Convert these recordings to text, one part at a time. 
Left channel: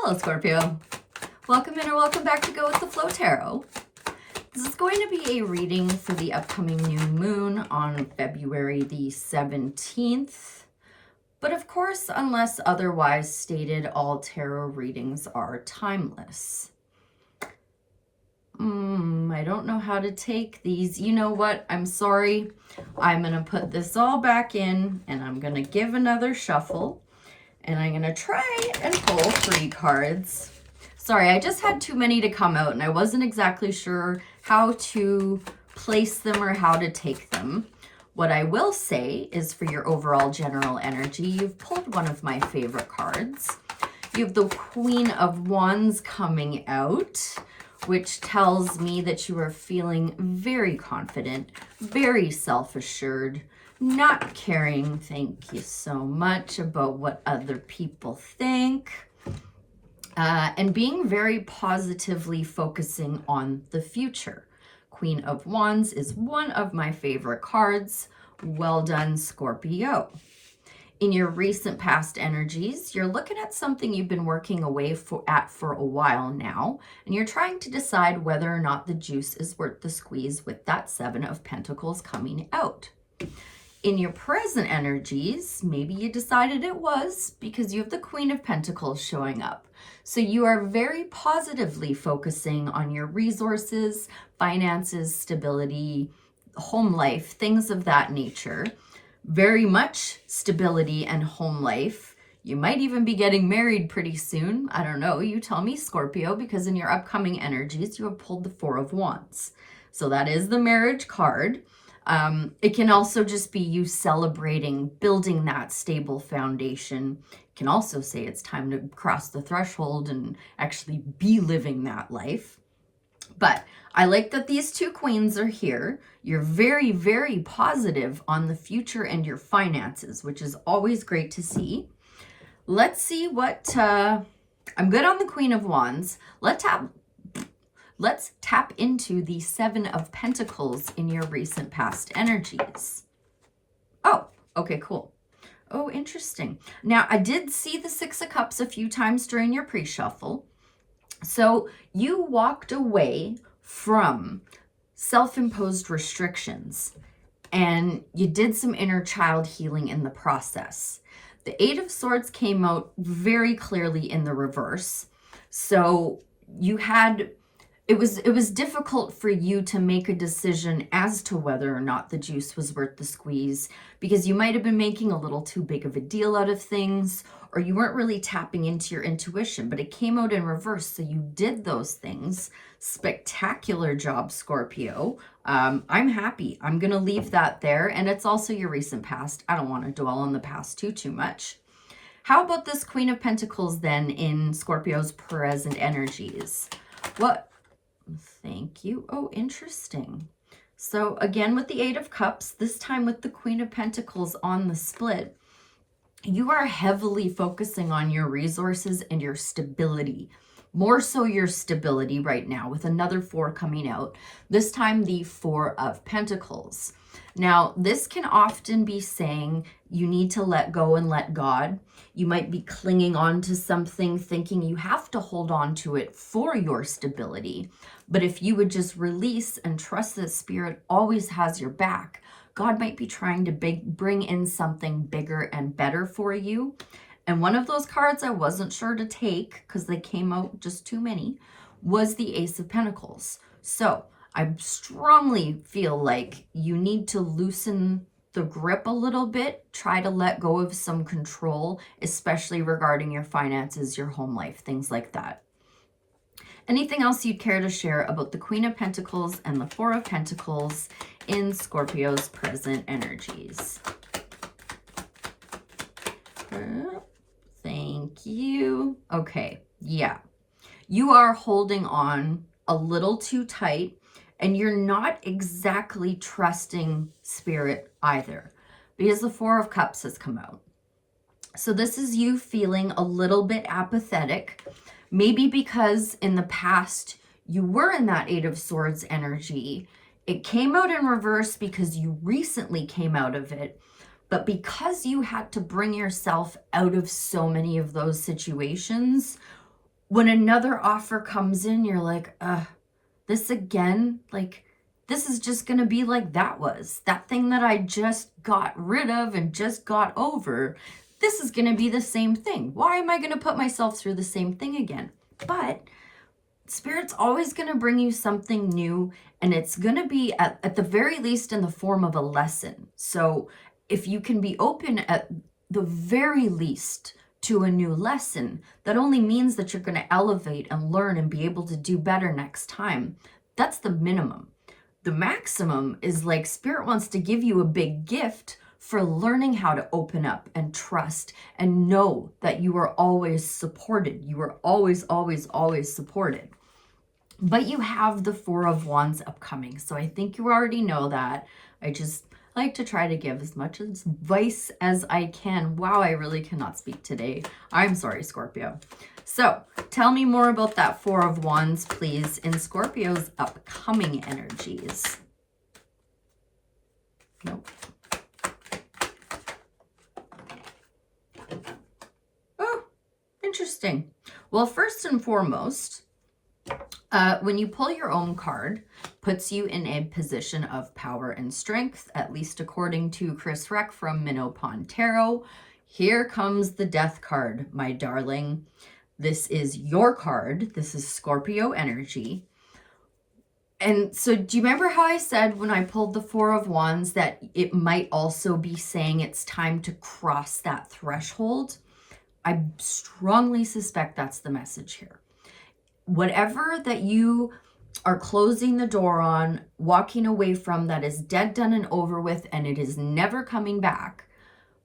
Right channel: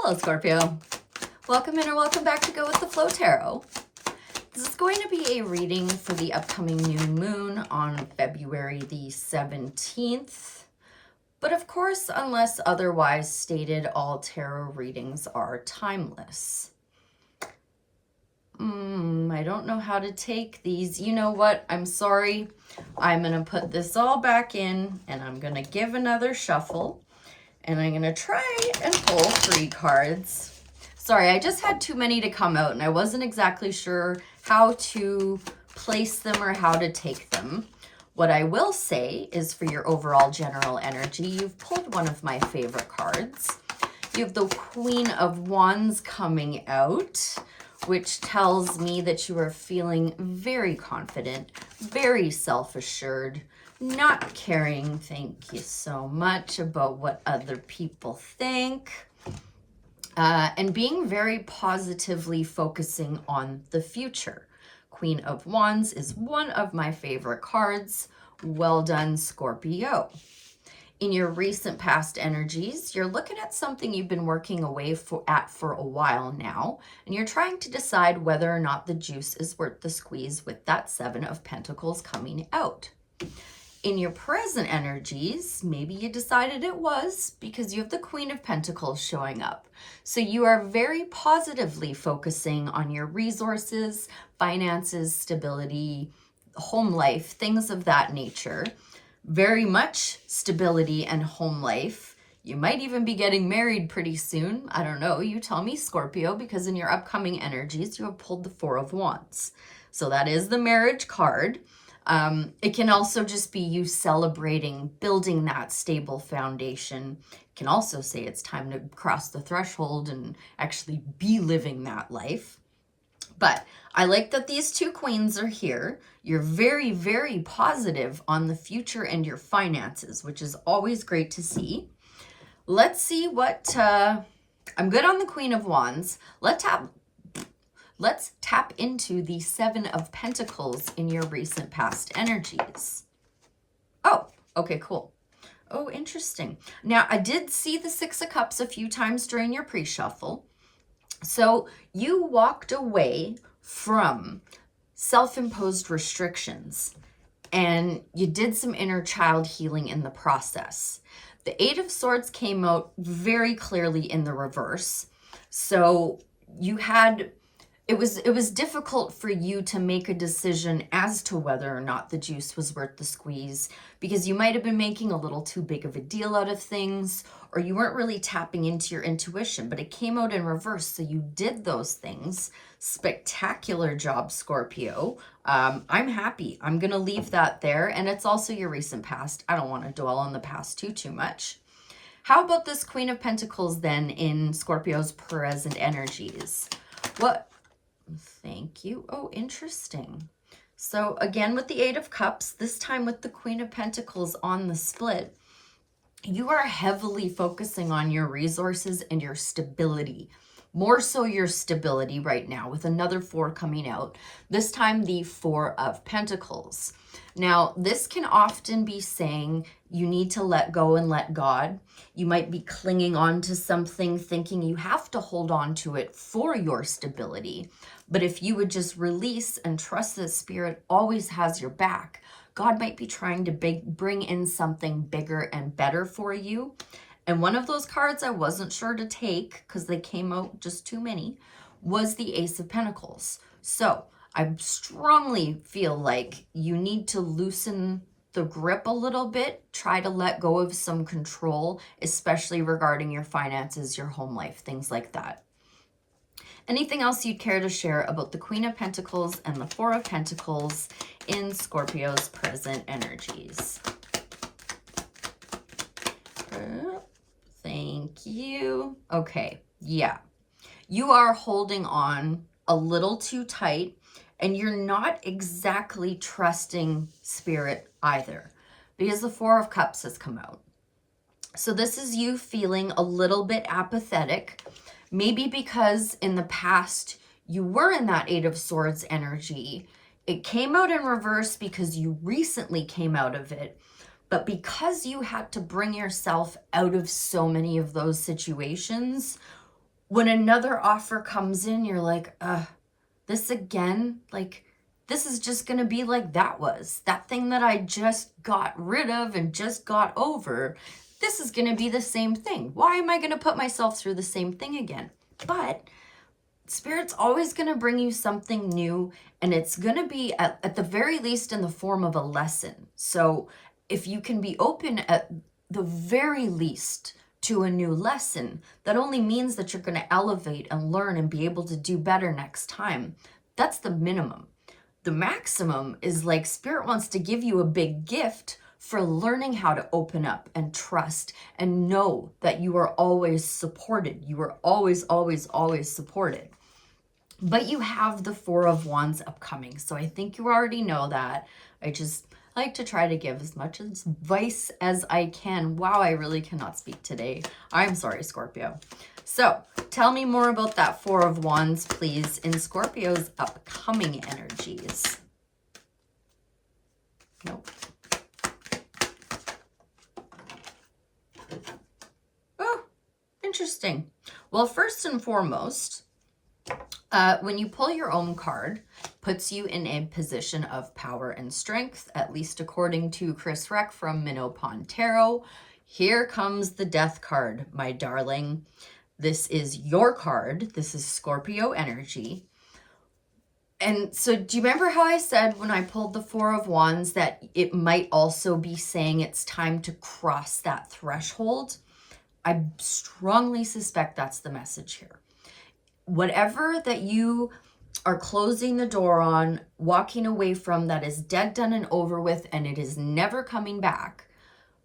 Hello, Scorpio. Welcome in or welcome back to Go With The Flow Tarot. This is going to be a reading for the upcoming new moon on February the 17th. But of course, unless otherwise stated, all tarot readings are timeless. I don't know how to take these. You know what? I'm sorry. I'm going to put this all back in and I'm going to give another shuffle. And I'm going to try and pull 3 cards. Sorry, I just had too many to come out and I wasn't exactly sure how to place them or how to take them. What I will say is for your overall general energy, you've pulled one of my favorite cards. You have the Queen of Wands coming out, which tells me that you are feeling very confident, very self-assured, not caring, thank you so much, about what other people think, and being very positively focusing on the future. Queen of Wands is one of my favorite cards. Well done, Scorpio. In your recent past energies, you're looking at something you've been working away at for a while now, and you're trying to decide whether or not the juice is worth the squeeze with that 7 of Pentacles coming out. In your present energies, maybe you decided it was because you have the Queen of Pentacles showing up. So you are very positively focusing on your resources, finances, stability, home life, things of that nature. Very much stability and home life. You might even be getting married pretty soon. I don't know. You tell me, Scorpio, because in your upcoming energies, you have pulled the 4 of Wands. So that is the marriage card. It can also just be you celebrating, building that stable foundation. It can also say it's time to cross the threshold and actually be living that life. But I like that these 2 queens are here. You're very, very positive on the future and your finances, which is always great to see. Let's see what, I'm good on the Queen of Wands. Let's tap into the 7 of Pentacles in your recent past energies. Oh, okay, cool. Oh, interesting. Now, I did see the 6 of Cups a few times during your pre-shuffle. So you walked away from self-imposed restrictions and you did some inner child healing in the process. The 8 of Swords came out very clearly in the reverse. So you had... It was difficult for you to make a decision as to whether or not the juice was worth the squeeze because you might have been making a little too big of a deal out of things, or you weren't really tapping into your intuition, but it came out in reverse. So you did those things. Spectacular job, Scorpio. I'm happy. I'm going to leave that there. And it's also your recent past. I don't want to dwell on the past too much. How about this Queen of Pentacles then in Scorpio's present energies? What? Thank you. Oh, interesting. So again, with the 8 of Cups, this time with the Queen of Pentacles on the split, you are heavily focusing on your resources and your stability. More so your stability right now with another 4 coming out. This time the 4 of Pentacles. Now, this can often be saying you need to let go and let God. You might be clinging on to something, thinking you have to hold on to it for your stability. But if you would just release and trust that Spirit always has your back, God might be trying to bring in something bigger and better for you. And one of those cards I wasn't sure to take because they came out just too many was the Ace of Pentacles. So I strongly feel like you need to loosen the grip a little bit, try to let go of some control, especially regarding your finances, your home life, things like that. Anything else you'd care to share about the Queen of Pentacles and the 4 of Pentacles in Scorpio's present energies? Thank you. Okay, yeah. You are holding on a little too tight and you're not exactly trusting Spirit either because the 4 of Cups has come out. So this is you feeling a little bit apathetic. Maybe because in the past you were in that 8 of Swords energy. It came out in reverse because you recently came out of it. But because you had to bring yourself out of so many of those situations, when another offer comes in, you're like, this again? Like, this is just going to be like that was. That thing that I just got rid of and just got over. This is going to be the same thing. Why am I going to put myself through the same thing again? But Spirit's always going to bring you something new, and it's going to be at the very least in the form of a lesson. So if you can be open at the very least to a new lesson, that only means that you're going to elevate and learn and be able to do better next time. That's the minimum. The maximum is like Spirit wants to give you a big gift for learning how to open up and trust and know that you are always supported. You are always, always, always supported. But you have the Four of Wands upcoming. So I think you already know that. I just like to try to give as much advice as I can. Wow, I really cannot speak today. I'm sorry, Scorpio. So tell me more about that Four of Wands, please, in Scorpio's upcoming energies. Nope. Oh, interesting. Well, first and foremost, when you pull your own card, puts you in a position of power and strength, at least according to Chris Reck from Minnow Pond Tarot. Here comes the Death card, my darling. This is your card. This is Scorpio energy. And so do you remember how I said when I pulled the Four of Wands that it might also be saying it's time to cross that threshold? I strongly suspect that's the message here. Whatever that you are closing the door on, walking away from, that is dead, done, and over with, and it is never coming back.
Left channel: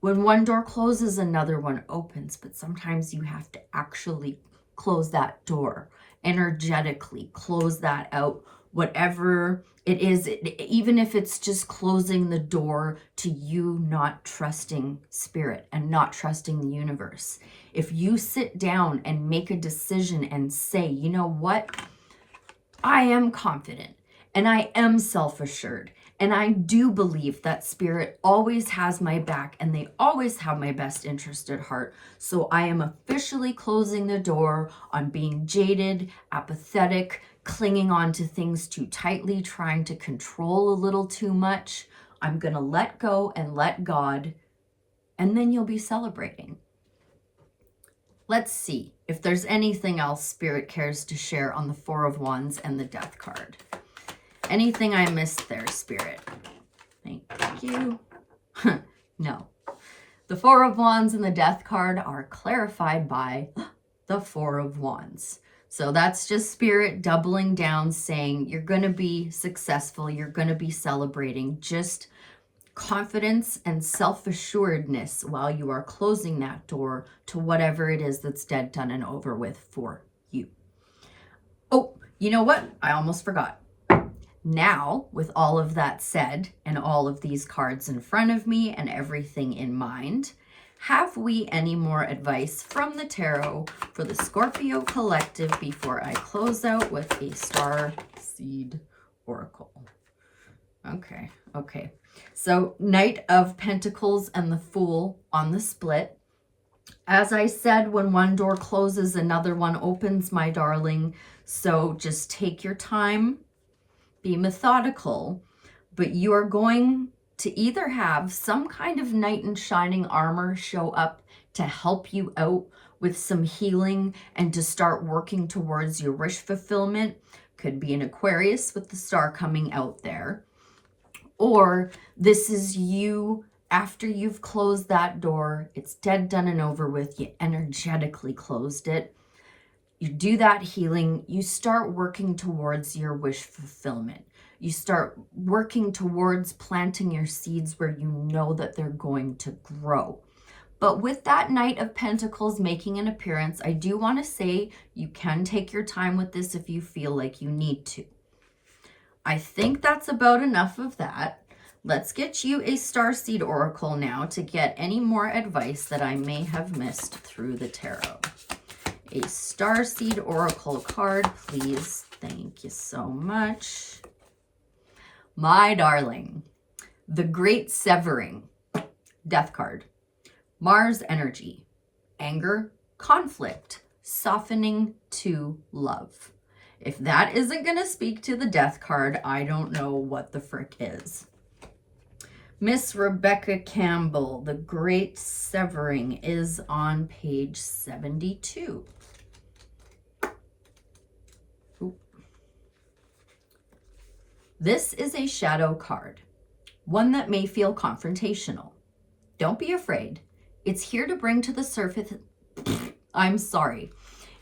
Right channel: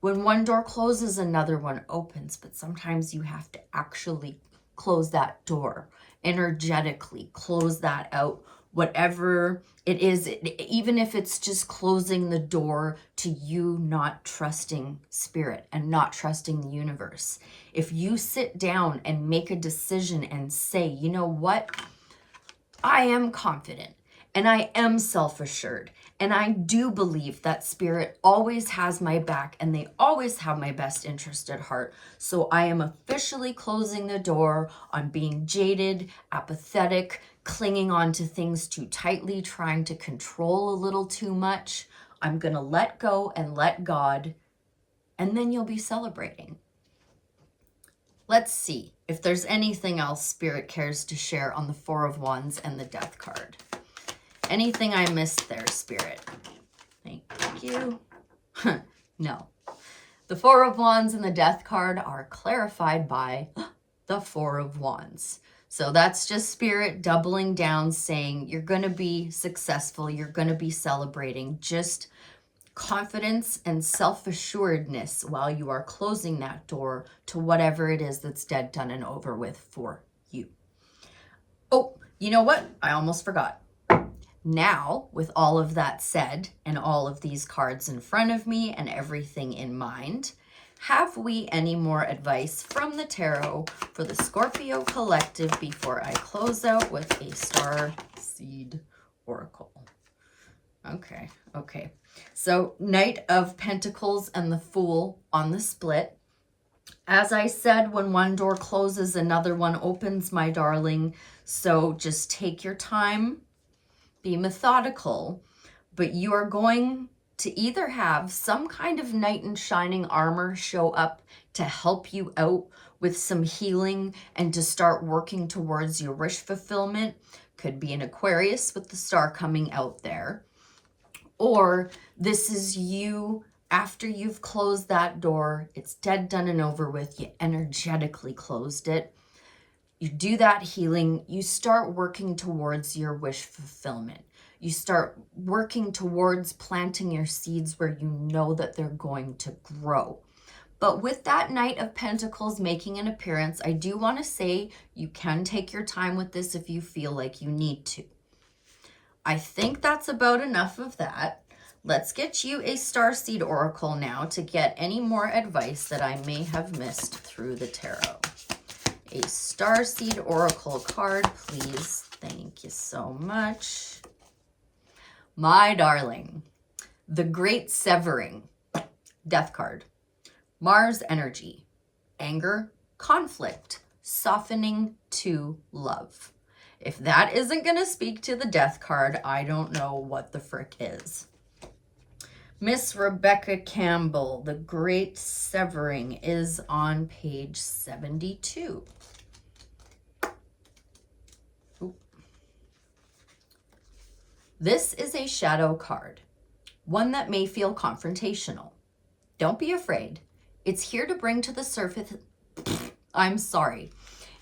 When one door closes, another one opens, but sometimes you have to actually close that door, energetically close that out, whatever it is, even if it's just closing the door to you not trusting Spirit and not trusting the universe. If you sit down and make a decision and say, you know what, I am confident and I am self-assured and I do believe that Spirit always has my back and they always have my best interest at heart. So I am officially closing the door on being jaded, apathetic, clinging on to things too tightly, trying to control a little too much. I'm going to let go and let God, and then you'll be celebrating. Let's see if there's anything else Spirit cares to share on the Four of Wands and the Death card. Anything I missed there, Spirit? Thank you. No. The Four of Wands and the Death card are clarified by the Four of Wands. So that's just Spirit doubling down, saying you're going to be successful. You're going to be celebrating. Just confidence and self-assuredness while you are closing that door to whatever it is that's dead, done, and over with for you. Oh, you know what? I almost forgot. Now, with all of that said and all of these cards in front of me and everything in mind, have we any more advice from the tarot for the Scorpio collective before I close out with a Star Seed Oracle? Okay. So Knight of Pentacles and the Fool on the split. As I said, when one door closes, another one opens, my darling. So just take your time, be methodical, but you are going to either have some kind of knight in shining armor show up to help you out with some healing and to start working towards your wish fulfillment. Could be an Aquarius with the star coming out there. Or this is you after you've closed that door. It's dead, done, and over with. You energetically closed it. You do that healing. You start working towards your wish fulfillment. You start working towards planting your seeds where you know that they're going to grow. But with that Knight of Pentacles making an appearance, I do want to say you can take your time with this if you feel like you need to. I think that's about enough of that. Let's get you a Starseed Oracle now to get any more advice that I may have missed through the tarot. A Starseed Oracle card, please. Thank you so much. My darling, the Great Severing, Death card. Mars energy, anger, conflict, softening to love. If that isn't going to speak to the death card, I don't know what the frick is. Miss Rebecca Campbell, The Great Severing, is on page 72. Ooh. This is a shadow card, one that may feel confrontational. Don't be afraid. It's here to bring to the surface... I'm sorry.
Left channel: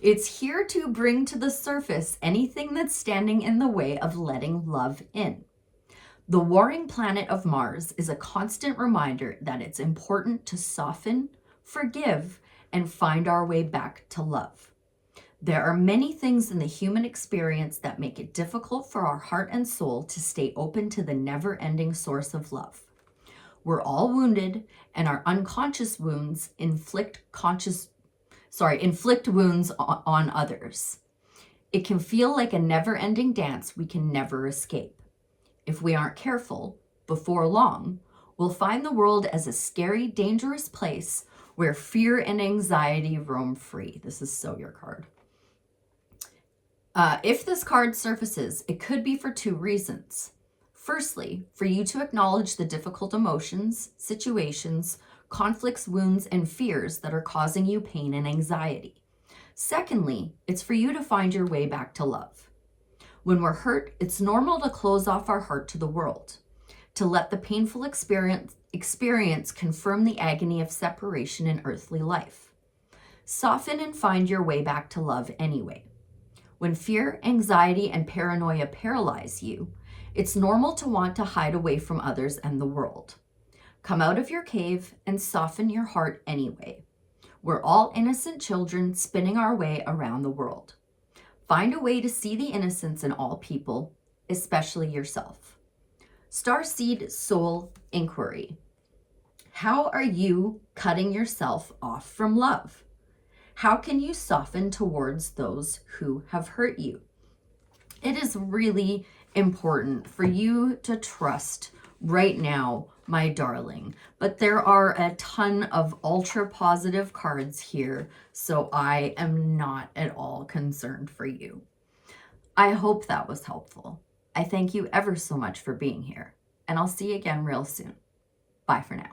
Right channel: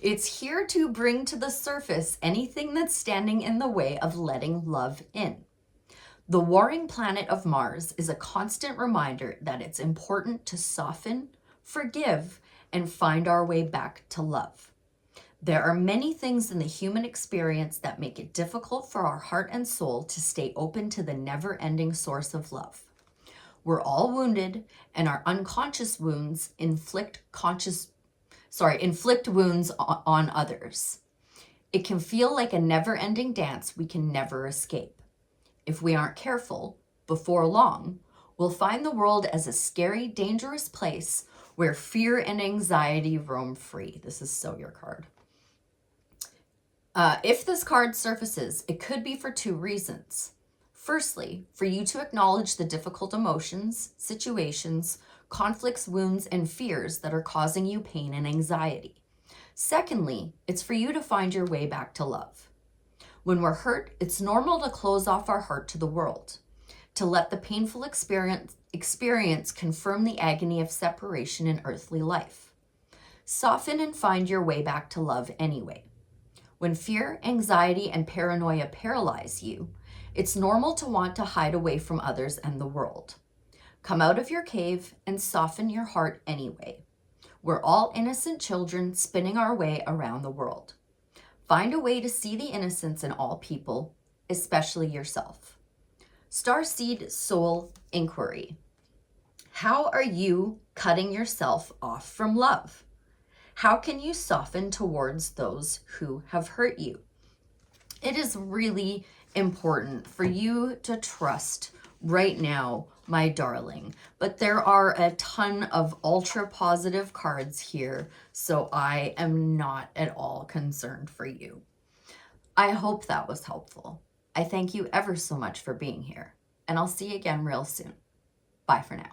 It's here to bring to the surface anything that's standing in the way of letting love in. The warring planet of Mars is a constant reminder that it's important to soften, forgive, and find our way back to love. There are many things in the human experience that make it difficult for our heart and soul to stay open to the never-ending source of love. We're all wounded, and our unconscious wounds inflict wounds on others. It can feel like a never-ending dance we can never escape. If we aren't careful, before long, we'll find the world as a scary, dangerous place where fear and anxiety roam free. This is so your card. If this card surfaces, it could be for two reasons. Firstly, for you to acknowledge the difficult emotions, situations, conflicts, wounds, and fears that are causing you pain and anxiety. Secondly, it's for you to find your way back to love. When we're hurt, it's normal to close off our heart to the world, to let the painful experience confirm the agony of separation in earthly life. Soften and find your way back to love anyway. When fear, anxiety, and paranoia paralyze you, it's normal to want to hide away from others and the world. Come out of your cave and soften your heart anyway. We're all innocent children spinning our way around the world. Find a way to see the innocence in all people, especially yourself. Starseed Soul Inquiry. How are you cutting yourself off from love? How can you soften towards those who have hurt you? It is really important for you to trust right now, my darling. But there are a ton of ultra positive cards here, so I am not at all concerned for you. I hope that was helpful. I thank you ever so much for being here, and I'll see you again real soon. Bye for now.